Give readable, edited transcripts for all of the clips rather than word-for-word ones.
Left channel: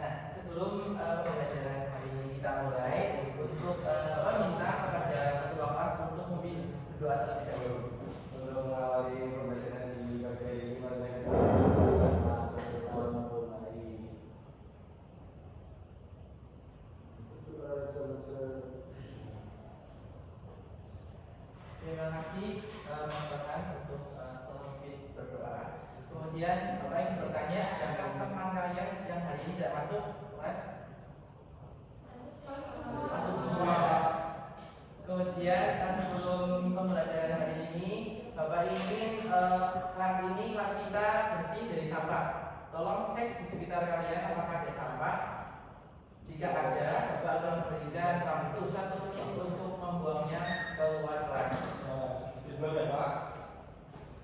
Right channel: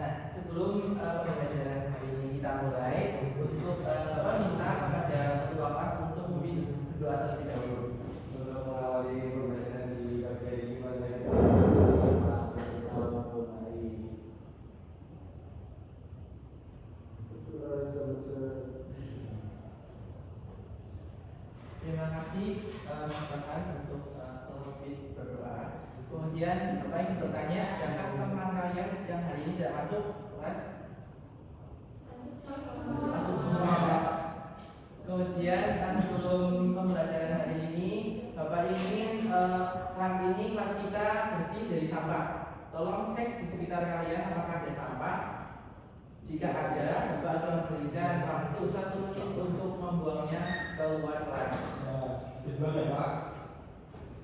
Nah, sebelum pembelajaran hari ini kita mulai, untuk minta kepada ketua kelas untuk memimpin berdoa terlebih dahulu. Untuk mengawali pembelajaran di pagi hari ini, mari kita Terima kasih Mas Bahan untuk memimpin berdoa. Kemudian Bapak ingin bertanya, adakah teman kalian yang hari ini tidak masuk kelas? Masuk semua. Kemudian sebelum pembelajaran hari ini, Bapak ingin kelas kita bersih dari sampah. Tolong cek di sekitar kalian apakah ada sampah. Jika ada, Bapak akan memberikan waktu 1 menit untuk membuangnya keluar kelas. dibuat ya Pak.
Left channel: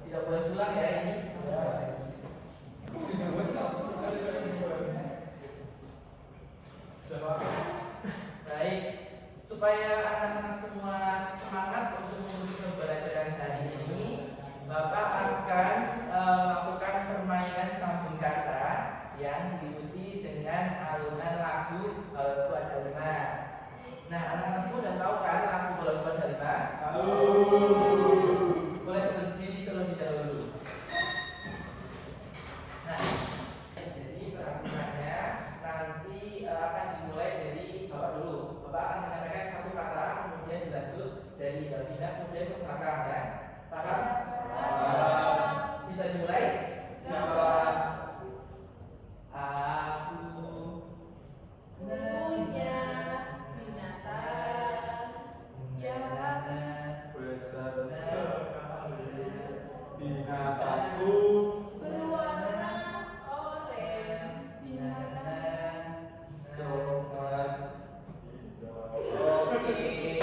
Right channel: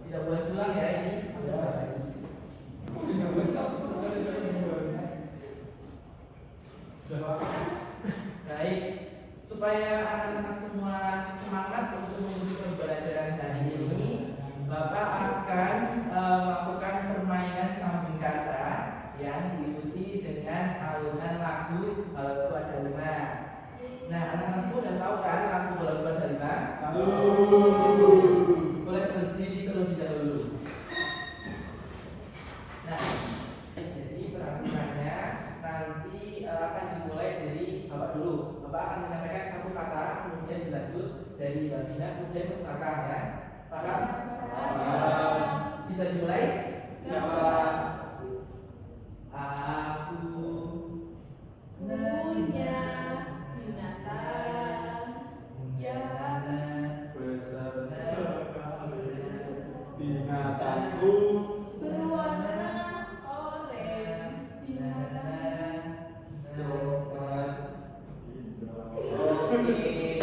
Tidak boleh pulang ya ini. Baik, supaya anak-anak semua semangat untuk mengikuti pembelajaran hari ini, Bapak akan melakukan permainan sambung kata yang diikuti dengan alunan lagu Balonku Ada 5. Nah, anak-anak semua udah tahu kan lagu Balonku Ada 5? Boleh berdiri terlebih dahulu. Nah, jadi peraturannya nanti akan dimulai dari Bapak dulu. Bapak akan menyampaikan satu kata, kemudian dilanjut dari Mbak Vina, kemudian ke belakang ya. Paham? Bisa dimulai? Siapa? Aku punya binatang yang Binatangku berwarna oranye, binatang coklat hijau. Oke.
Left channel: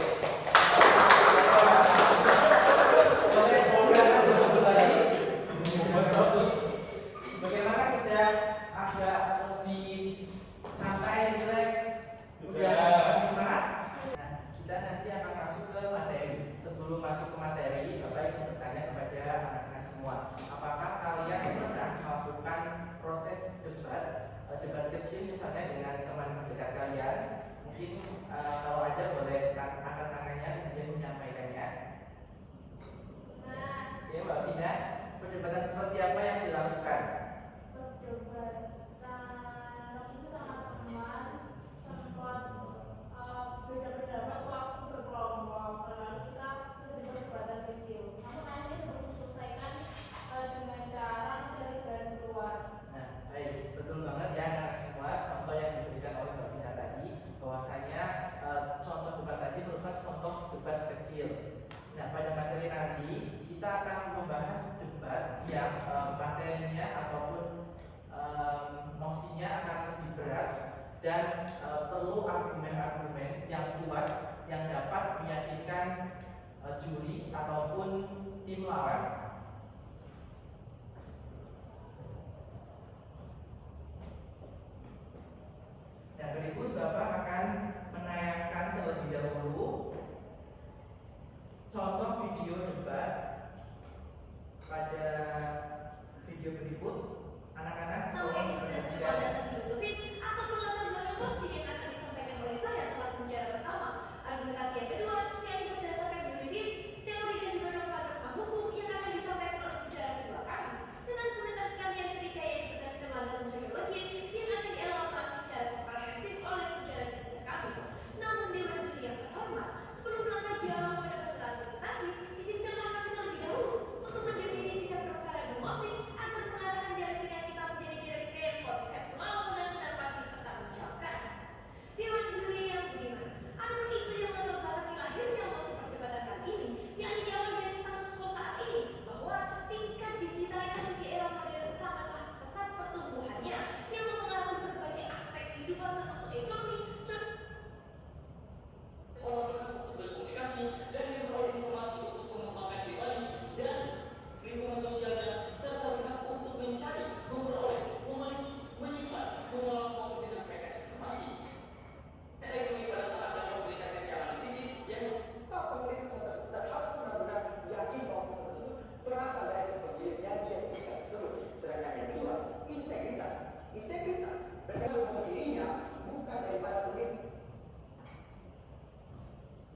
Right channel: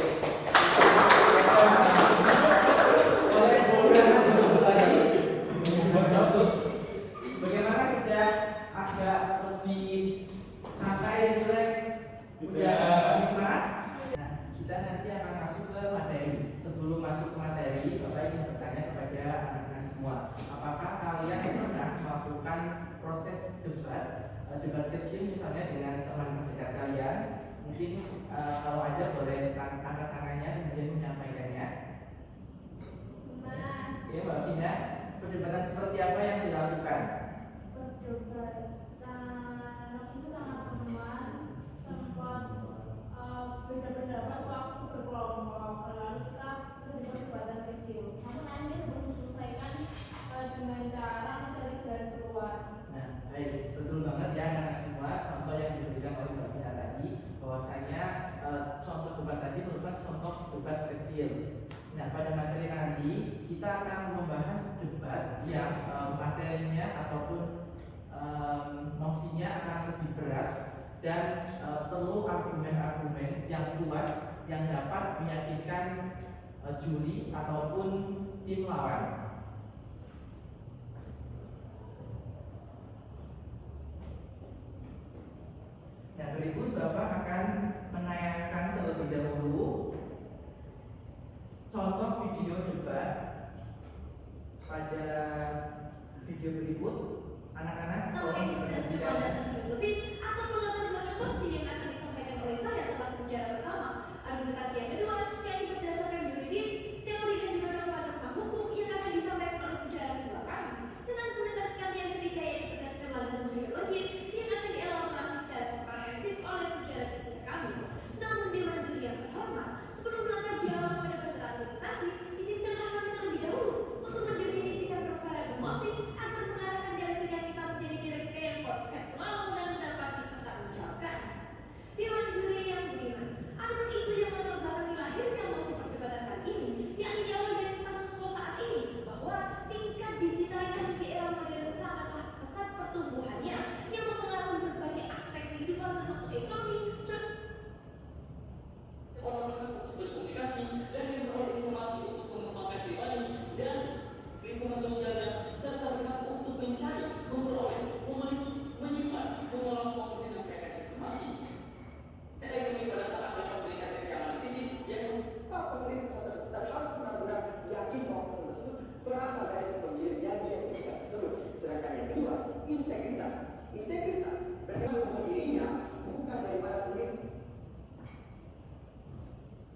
Bagaimana sudah agak lebih santai, relax, udah semangat? Nah, kita nanti akan masuk ke materi. Sebelum masuk ke materi, Bapak ingin bertanya kepada anak-anak semua, apakah kalian pernah melakukan proses debat kecil misalnya dengan teman terdekat kalian? Mungkin kalau ada boleh angkat tangannya kemudian menyampaikannya. Ya Mbak Vina, perdebatan seperti apa yang dilakukan? perdebatan itu sama teman, sempat beda pendapat waktu berkelompok, lalu kita menjadi perdebatan kecil. Namun akhirnya menyelesaikan dengan cara mencari jalan keluar. Nah, baik, betul banget ya anak-anak semua. Contoh yang diberikan oleh Mbak Vina tadi, bahwasanya contoh debat tadi merupakan contoh debat kecil. Nah, pada materi nanti kita akan membahas debat yang materinya ataupun mosinya akan lebih berat dan perlu argumen-argumen yang kuat yang dapat meyakinkan juri ataupun tim lawan. Yang berikut Bapak akan menayangkan terlebih dahulu contoh video debat. Pada video berikut, anak-anak tolong berdiri. Filosofis ataupun latar belakang mosi yang akan disampaikan oleh saya dalam pembicaraan pertama. Argumentasi yang kedua, yaitu berdasarkan yuridis, teori dan juga dogma hukum yang akan disampaikan oleh pembicaraan kedua kami. Dan argumentasi kami yang ketiga yaitu berdasarkan landasan sosiologis yang akan dielaborasi secara komprehensif oleh pembicaraan ketiga kami. Namun dewan juri yang terhormat, sebelum melangkah jauh pada argumentasi, izinkanlah kami terlebih dahulu untuk mendefinisikan perkara emosi agar mengadakan dialektika kita menjadi dialektika yang konseptual dan dapat dipertanggungjawabkan. Dewan juri yang budiman, adapun isu yang melatar belakangi lahirnya emosi perdebatan kali ini, yakni diawali dari status quo saat ini bahwa tingkat digitalisasi di era modern sangatlah pesat pertumbuhannya yang mempengaruhi berbagai aspek kehidupan termasuk ekonomi, untuk berkomunikasi dan memperoleh informasi untuk mengembangkan pribadi dan lingkungan sosialnya serta berhak untuk mencari, memperoleh, memiliki, menyimpan, mengolah maupun menyampaikan informasi. Teknologi pada saat dapat memberikan kenyamanan bisnis yang pemilik pesan tersebut dan harus benar-benar yakin bahwa pesan tersebut berasal dari si pengirim yang dia inginkan tersebut. Sedangkan yang kedua, integritas. integritas. Mereka mengukur dirinya bukan daripada pemimpin.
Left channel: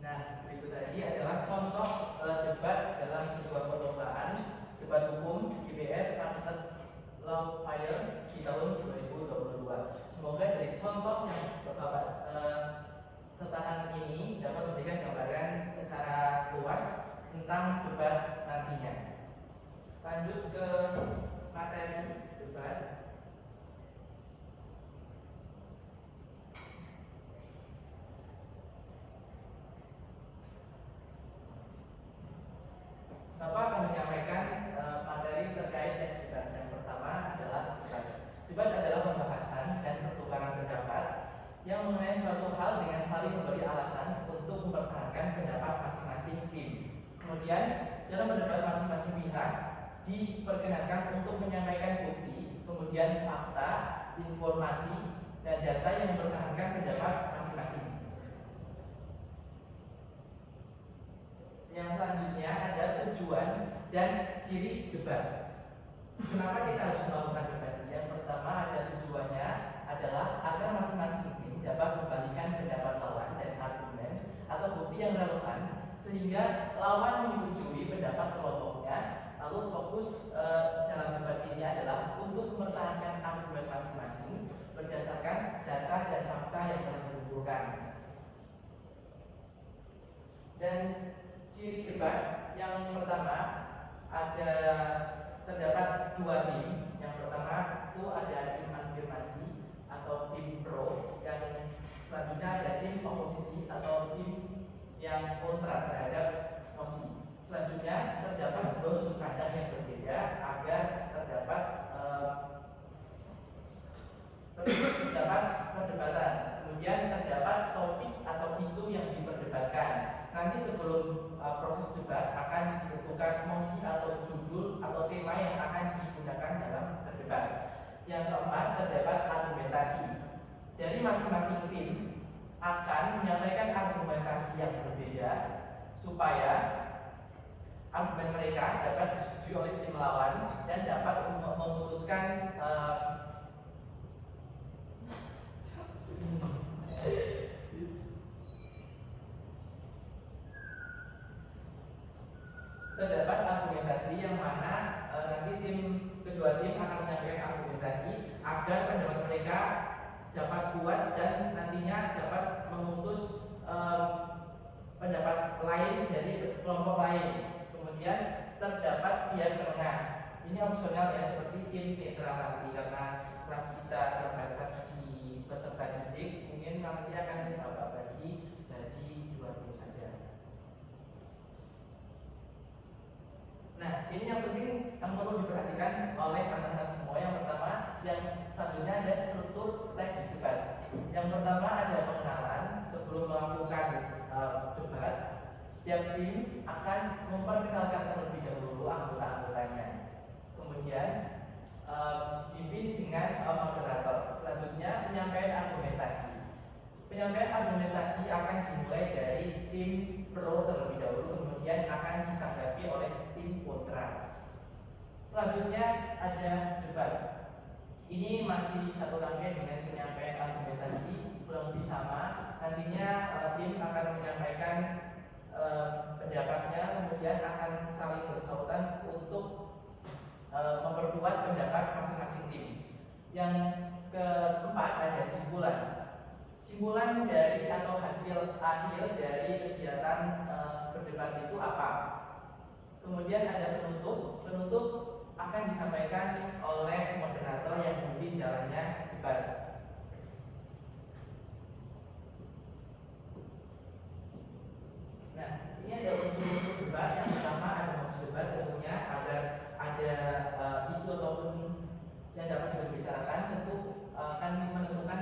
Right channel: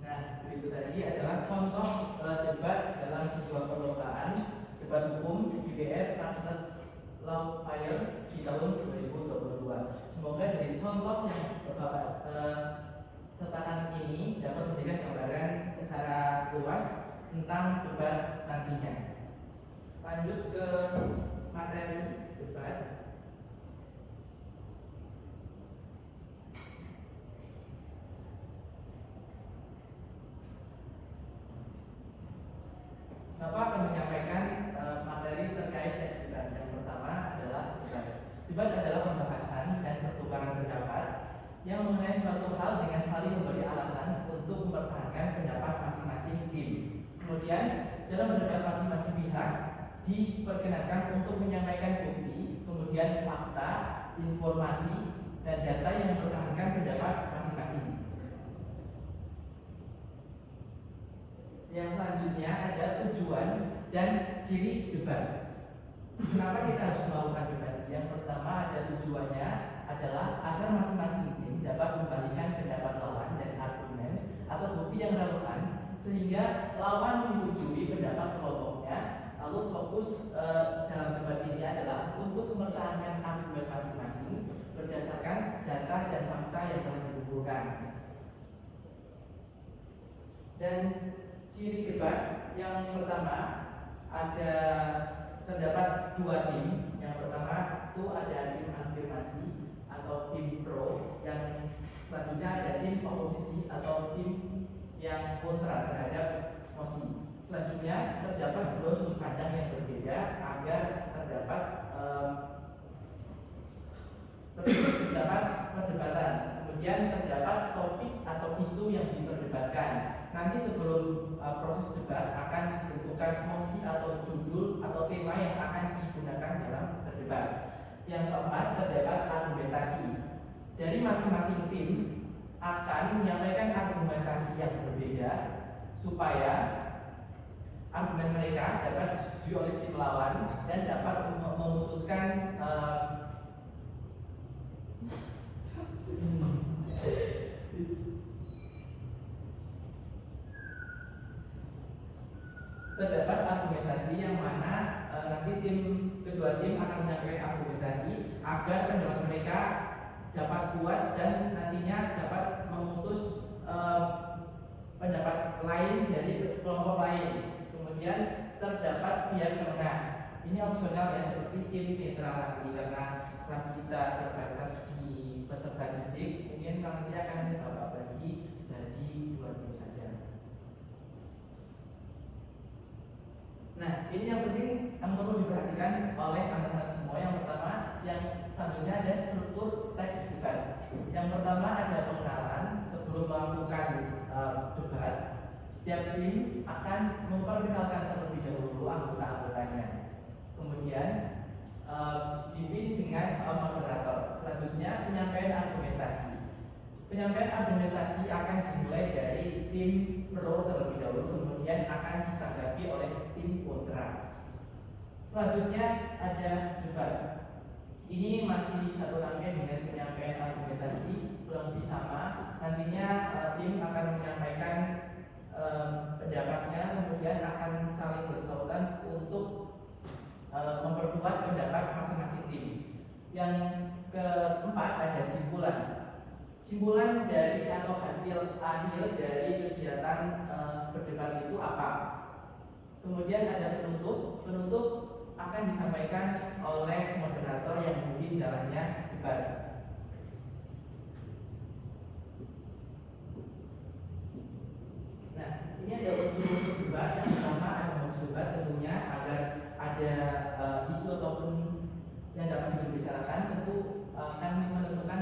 Nah, berikut tadi adalah contoh debat dalam sebuah perlombaan debat hukum DPR Fakultas Law Fire di tahun 2022. Semoga dari contoh yang Bapak sertakan ini dapat memberikan gambaran secara luas tentang debat nantinya. Lanjut ke materi debat. Bapak akan menyampaikan materi terkait teks debat. Yang pertama adalah debat. Debat adalah pembahasan dan pertukaran pendapat yang mengenai suatu hal dengan saling memberi alasan untuk mempertahankan pendapat masing-masing tim. Kemudian dalam debat masing-masing pihak diperkenankan untuk menyampaikan bukti, kemudian fakta, informasi, dan data yang mempertahankan pendapat masing-masing. Yang selanjutnya ada tujuan dan ciri debat. Kenapa kita harus melakukan debat? Yang pertama ada tujuannya adalah agar masing-masing tim dapat membalikan pendapat lawan dan argumen atau bukti yang relevan sehingga lawan menyetujui pendapat kelompoknya. Lalu fokus dalam debat ini adalah untuk mempertahankan argumen masing-masing berdasarkan data dan fakta yang telah dikumpulkan. Dan ciri debat yang pertama ada terdapat dua tim. Yang pertama itu ada tim afirmasi atau tim pro, yang selanjutnya ada tim oposisi atau tim yang kontra terhadap mosi. Selanjutnya terdapat dua sudut pandang yang berbeda agar terdapat perdebatan. Kemudian terdapat topik atau isu yang diperdebatkan. Nanti sebelum proses debat akan ditentukan mosi atau judul atau tema yang akan digunakan dalam berdebat. Yang keempat terdapat argumentasi. Dari masing-masing tim akan menyampaikan argumentasi yang berbeda supaya argumen mereka dapat disetujui oleh tim lawan dan dapat memutuskan terdapat argumentasi yang mana nanti kedua tim akan menyampaikan argumentasi agar pendapat mereka dapat kuat dan nantinya dapat memutus pendapat lain dari kelompok lain. Kemudian terdapat pihak penengah. Ini opsional ya, seperti tim netral nanti karena kelas kita terbatas di peserta didik, mungkin nanti akan Bapak bagi jadi dua tim saja. Nah, ini yang penting yang perlu diperhatikan oleh teman-teman semua. Yang pertama, yang selanjutnya ada struktur teks debat. Yang pertama ada pengenalan sebelum melakukan debat. Setiap tim akan memperkenalkan terlebih dahulu anggota-anggotanya. Kemudian dipimpin dengan moderator. Selanjutnya penyampaian argumentasi. Penyampaian argumentasi akan dimulai dari tim pro terlebih dahulu, kemudian akan ditanggapi oleh tim kontra. Selanjutnya ada debat. Ini masih satu rangkaian dengan penyampaian argumentasi, kurang lebih sama. Nantinya tim akan menyampaikan pendapatnya, kemudian akan saling bersautan untuk memperkuat pendapat masing-masing tim. Yang keempat ada simpulan. Simpulan dari atau hasil akhir dari kegiatan berdebat itu apa? Kemudian ada penutup. Penutup akan disampaikan oleh moderator yang memimpin jalannya debat. Nah, ini ada unsur-unsur debat. Yang pertama ada unsur debat, tentunya agar ada isu ataupun yang dapat dibicarakan, tentu akan menentukan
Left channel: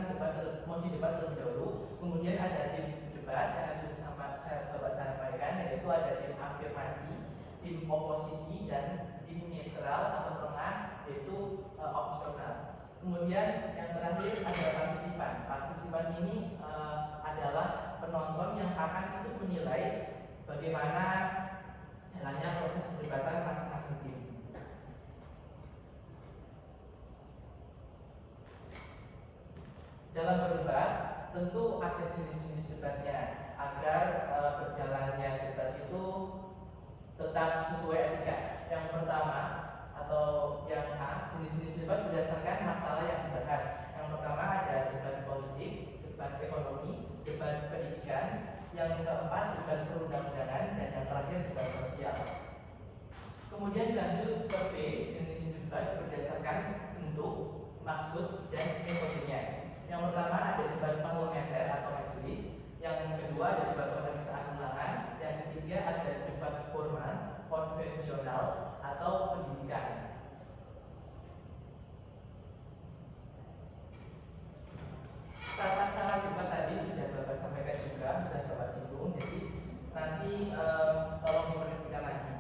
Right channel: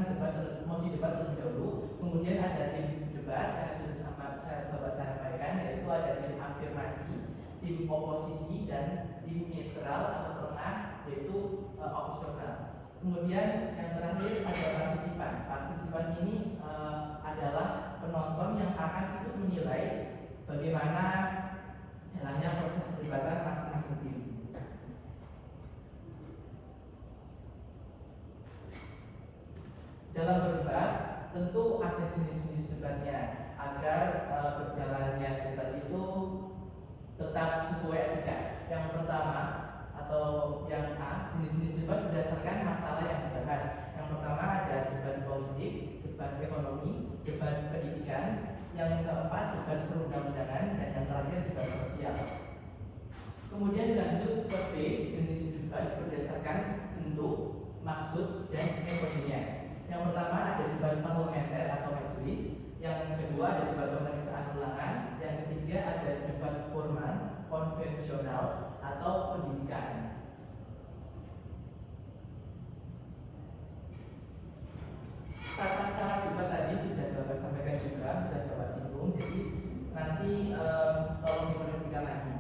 mosi debat terlebih dahulu. Kemudian ada tim debat yang Bapak sampaikan, yaitu ada tim afirmasi, tim oposisi, dan tim netral atau tengah, yaitu opsional. Kemudian yang terakhir ada partisipan. Partisipan ini adalah penonton yang akan ikut menilai bagaimana jalannya proses perdebatan masing-masing tim. dalam berdebat tentu ada jenis-jenis debatnya agar berjalannya debat itu tetap sesuai etika. Yang pertama atau yang A, jenis-jenis debat berdasarkan masalah yang dibahas. Yang pertama ada debat politik, debat ekonomi, debat pendidikan. Yang keempat debat perundang-undangan, dan yang terakhir debat sosial. Kemudian lanjut ke B, jenis debat berdasarkan bentuk, maksud, dan metodenya. Yang pertama ada debat parlementer atau majelis. Yang kedua ada debat pemeriksaan ulangan. Yang ketiga ada debat formal, konvensional, atau pendidikan. Tata cara debat tadi sudah Bapak sampaikan juga, sudah Bapak singgung. Jadi nanti tolong diperhatikan lagi.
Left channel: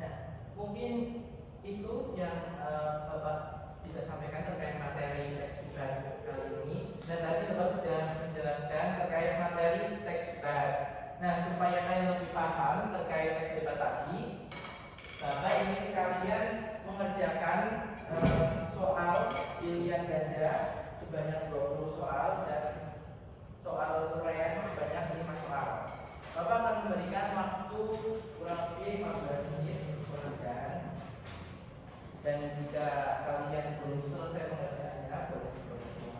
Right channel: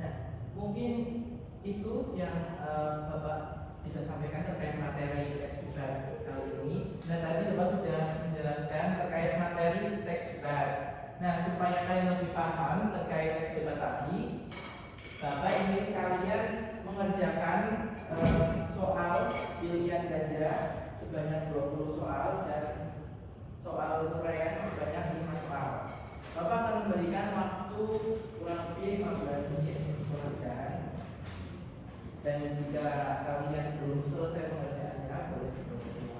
Nah, mungkin itu yang Bapak bisa sampaikan terkait materi teks debat kali ini. Dan tadi Bapak sudah menjelaskan terkait materi teks debat. Nah, supaya kalian lebih paham terkait teks debat tadi, Bapak ingin kalian mengerjakan soal pilihan ganda sebanyak 20 soal dan soal uraian sebanyak 5 soal. Bapak akan memberikan waktu kurang lebih 15 menit untuk pengerjaan. Dan jika kalian belum selesai pengerjaannya, boleh diulangi.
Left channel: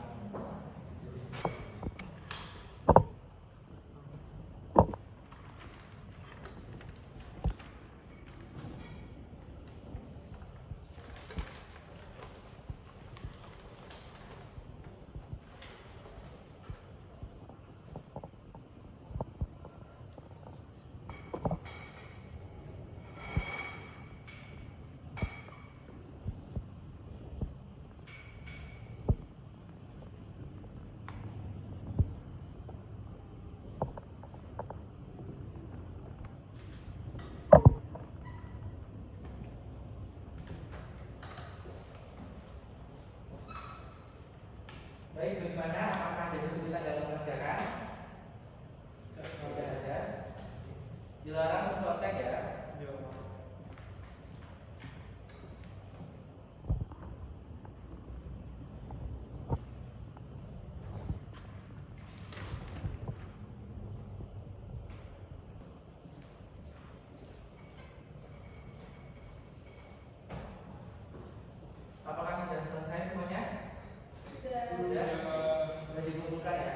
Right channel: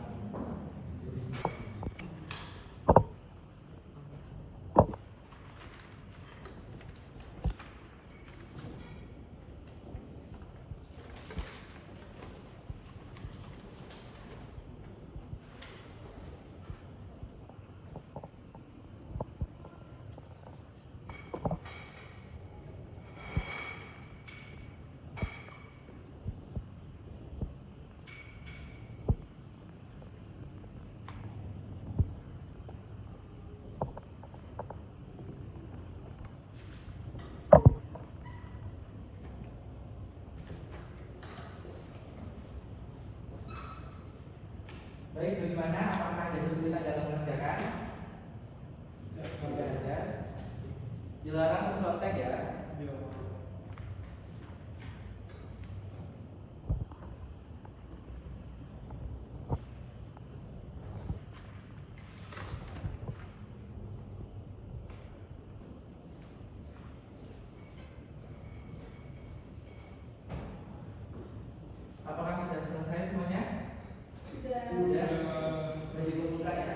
Baik, bagaimana? Apakah ada kesulitan dalam mengerjakan? Tidak ada. Dilarang mencontek ya. Apakah sudah selesai semuanya? Sudah. Boleh dikumpulkan ya.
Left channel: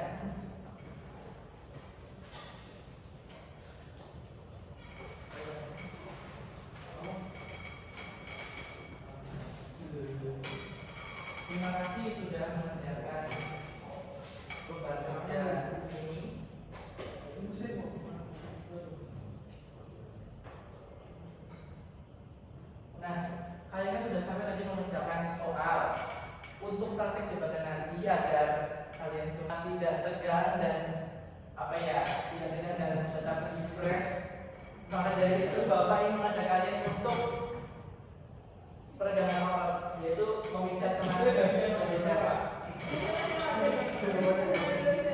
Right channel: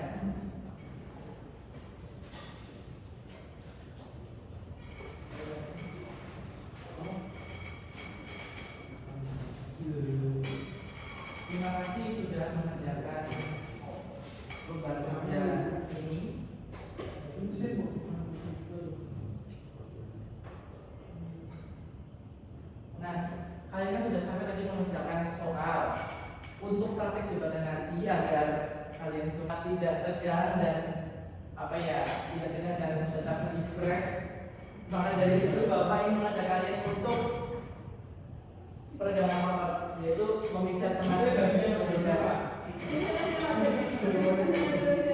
Terima kasih sudah mengerjakan tugas kerja ini. Nah, kalian kan sudah sampai tadi mengerjakan soal untuk praktik debat nanti agar kalian semua tidak tegang dan tidak tegang dan tetap refresh. Maka dari itu Bapak ingin mengajak kalian untuk peregangan otot, yaitu memijat tenaga.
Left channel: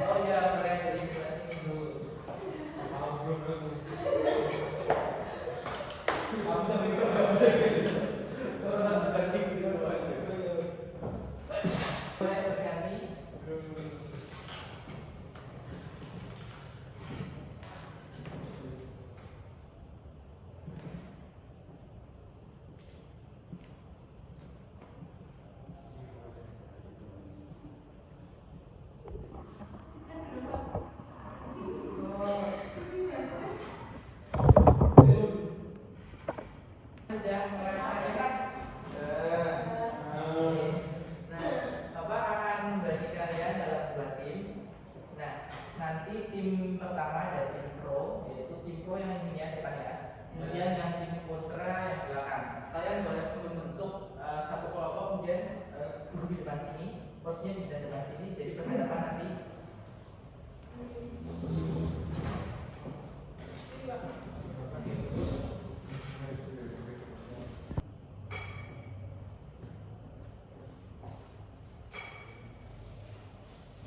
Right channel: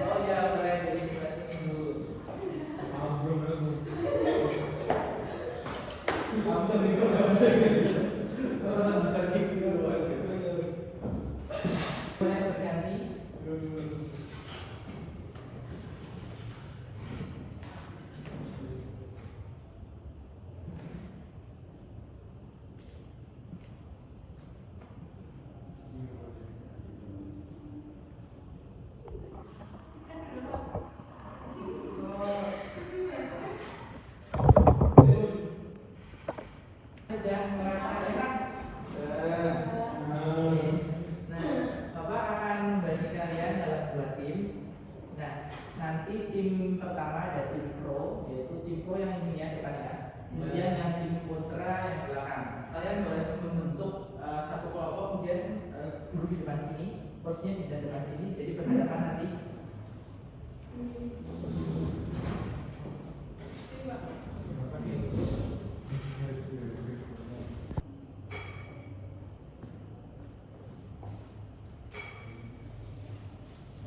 Oh ya, boleh dari sebelah sini dulu. Boleh berganti. Sudah merasa enak? Nah, Bapak akan membagi kalian dalam 2 tim. Nah, nanti tim pertama ada tim pro, yaitu tim pro yang ini ya depannya. Kemudian yang tim kontra yang belakang. Kalian boleh membentuk satu kelompok, kemudian duduk di depan sini, posisinya bisa di depan sini, jadi berhadapan nanti.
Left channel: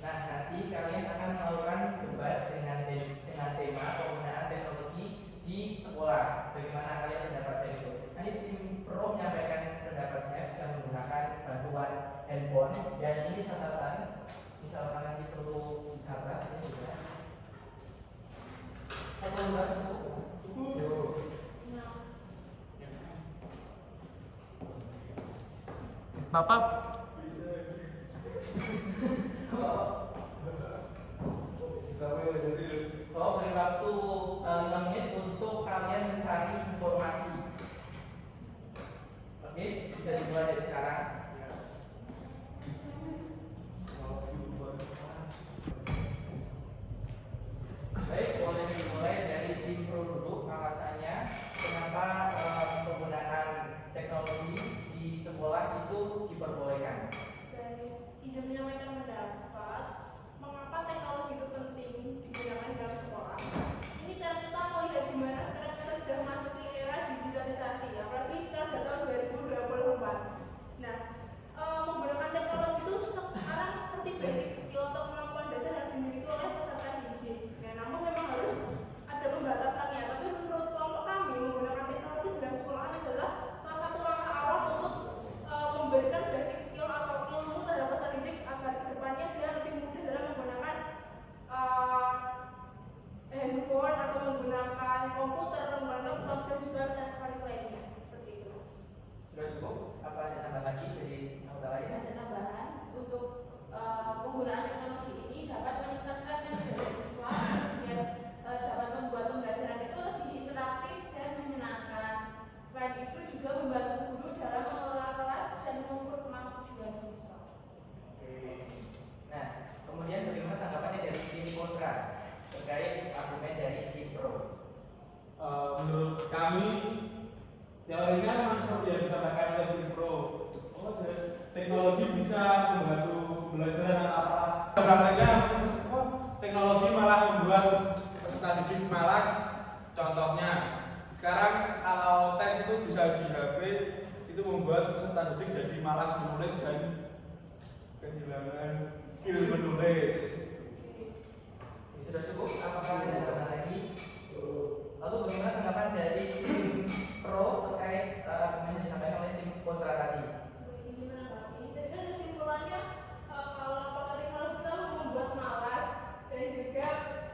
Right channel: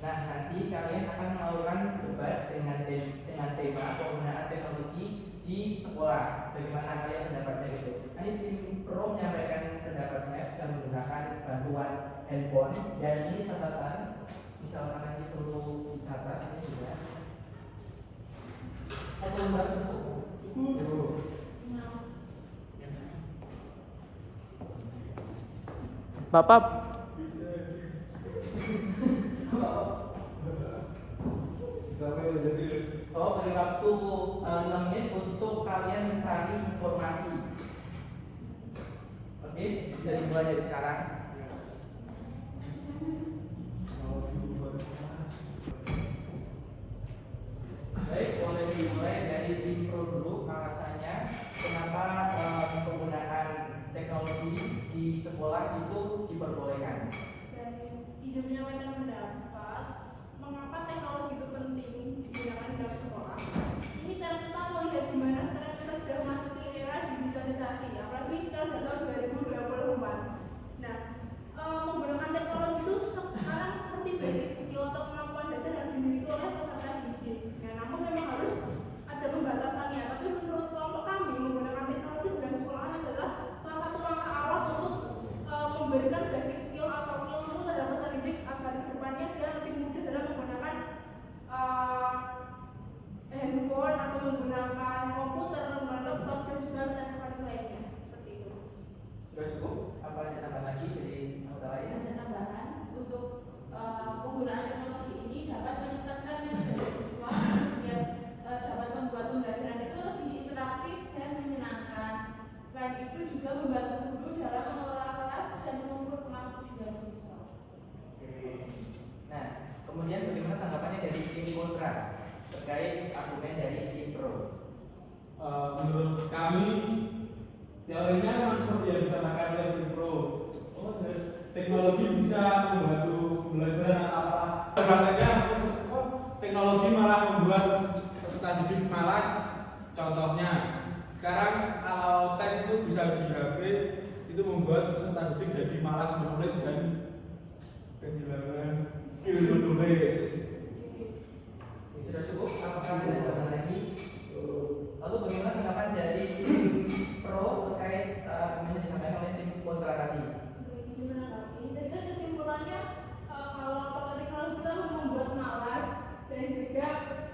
Nah, nanti kalian akan melakukan debat dengan tema penggunaan teknologi di sekolah. Bagaimana kalian mendapatkan itu? Nanti tim pro menyampaikan pendapatnya bisa menggunakan bantuan misalkan nanti perlu dicatat ini juga. Atau baru cukup. Bapak beri waktu 5 menit untuk kalian mencari informasi. Oke, bisa dimulai dari sekarang. Baik, boleh dimulai dari tim pro dulu. Alasannya kenapa penggunaan teknologi di sekolah itu diperbolehkan? Dari izin menyampaikan pendapat, mengapa teknologi itu penting digunakan dalam sekolah? Ini karena kita melihat di mana sekarang kita sudah memasuki era digitalisasi, apalagi sekarang sudah tahun 2024. Nah, menggunakan teknologi itu sekarang seperti basic skill atau kemampuan dasar yang dimiliki oleh peserta didik. Nah, namun memang harus ada pembatasannya. Tapi menurut kelompok kami, menggunakan teknologi dalam sekolah adalah salah satu langkah awal untuk memberikan basic skill atau ilmu terhadap peserta didik agar kedepannya dia lebih mudah dalam menggunakan handphone atau menggunakan komputer, menggunakan laptop dan juga elektronik lainnya. Seperti itu. Sudah cukup? Apa ada tambahan lagi dari anggota lain? Ada tambahan untuk penggunaan teknologi ini dapat meningkatkan kinerja siswa dan dapat membuat pembelajaran itu lebih interaktif dan menyenangkan. Selain itu juga membantu guru dalam mengelola kelas dan mengukur kemampuan siswa. Nah, kemudian bagaimana tanggapannya dari tim kontra terkait argumen dari tim pro? Menurut kami teorinya memang seperti yang disampaikan oleh tim pro. Teknologi bisa membantu belajar apa? Prakteknya teknologi malah membuat peserta didik malas. Contohnya, sekarang kalau tes itu bisa di HP, itu membuat peserta didik jadi malas menulis dan kehilangan skill menulis. Sudah cukup? Apakah ada tambahan lagi? Lalu bagaimana tanggapan dari tim pro terkait argumen yang disampaikan oleh tim kontra tadi? Jadi kan kesimpulannya kalau pakai teknologi kita membuat malas dan juga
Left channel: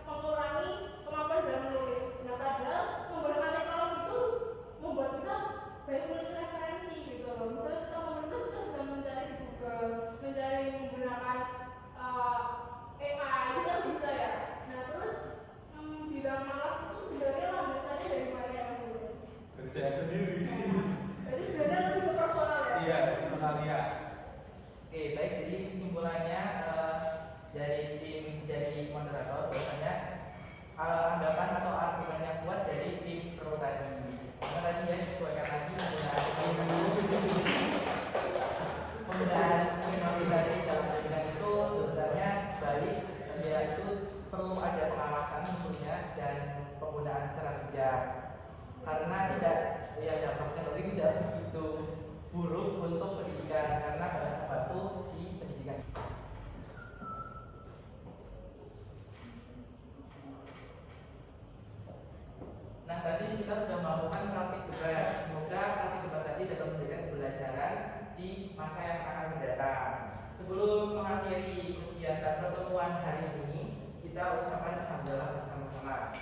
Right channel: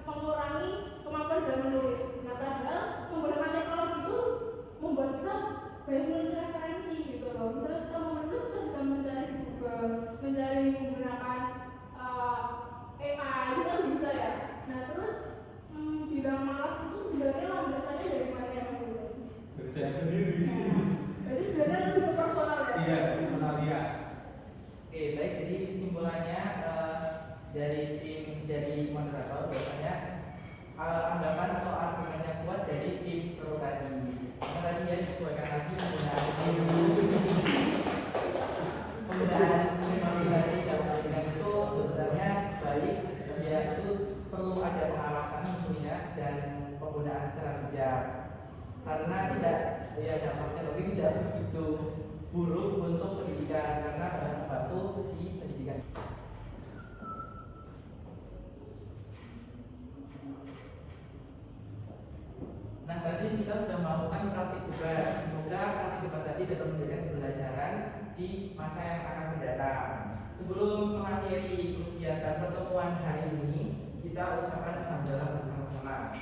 mengurangi kemampuan dalam menulis. Nah, padahal menggunakan teknologi itu membuat kita banyak menulis referensi gitu loh. Misalnya kita mau menulis, kita bisa mencari di Google, mencari menggunakan AI, itu kan bisa ya. Nah, terus bilang malas itu sebenarnya landasannya dari mana ya? Dari saya sendiri. Jadi sebenarnya lebih ke personal ya? Iya, personal ya. Oke, baik. Jadi kesimpulannya dari tim dari moderator bahwasanya anggapan atau argumen yang kuat dari tim pro tadi. Karena tadi ya disesuaikan lagi penggunaan teknologi dalam pembelajaran itu sebenarnya baik, ya itu perlu ada pengawasan tentunya dan penggunaan secara bijak. Karena tidak ya dampak teknologi tidak begitu buruk untuk pendidikan karena akan membantu di pendidikan. Nah, tadi kita sudah melakukan praktik debat. Semoga praktik debat tadi dapat memberikan pembelajaran di masa yang akan mendatang. Sebelum mengakhiri kegiatan pertemuan hari ini, kita ucapkan alhamdulillah bersama-sama.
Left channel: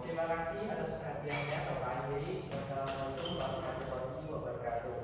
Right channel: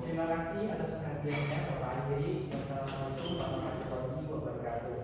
Terima kasih atas perhatiannya. Bapak akhiri. Wassalamualaikum warahmatullahi wabarakatuh.